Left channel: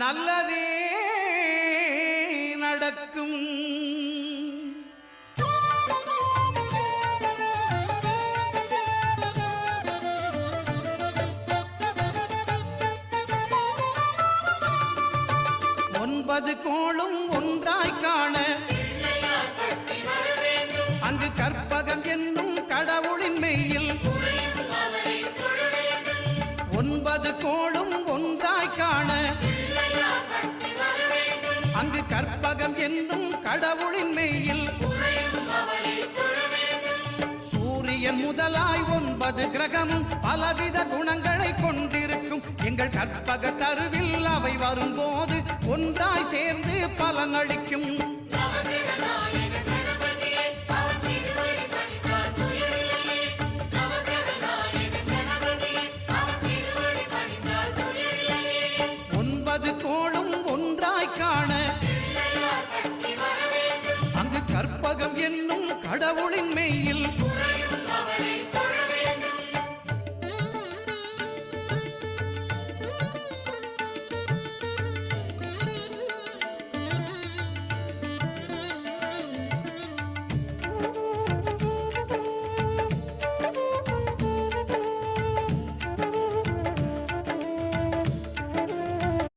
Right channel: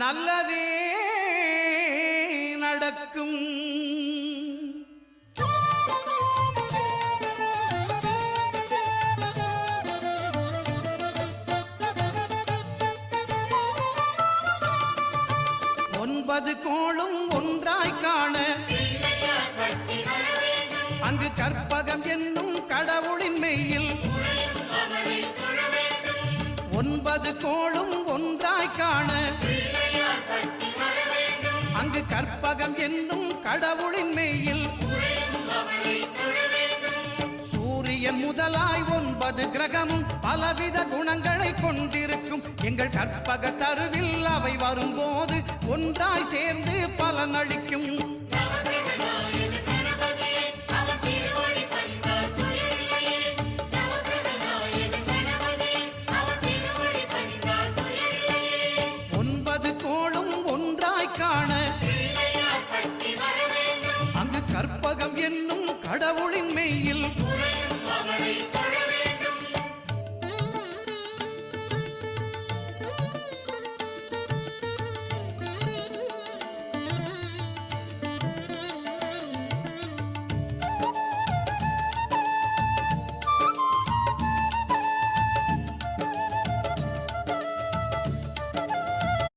நல்லதே நடக்கும். ஒன்பது கோளும் ஒன்றாய் காண அங்கு கற்பகம் என்னும் கடவுளின் மெய்யில் ஒன்பது கோளும் ஒன்றாய் காண அங்கு கற்பகம் என்னும் கடவுளின் மெய்யில் சூரியன் முதலாய் 9 கிரகமும் பலவித குணங்களை கொண்டிருக்கும். எங்கள் கற்பக தருவில் அவை வரும்போது ஒன்றாய் சேர்ந்து பலனளிக்கும். ஒன்பது கோளும் ஒன்றாய் காண அங்கு கற்பகம் என்னும் கடவுளின் மெய்யில்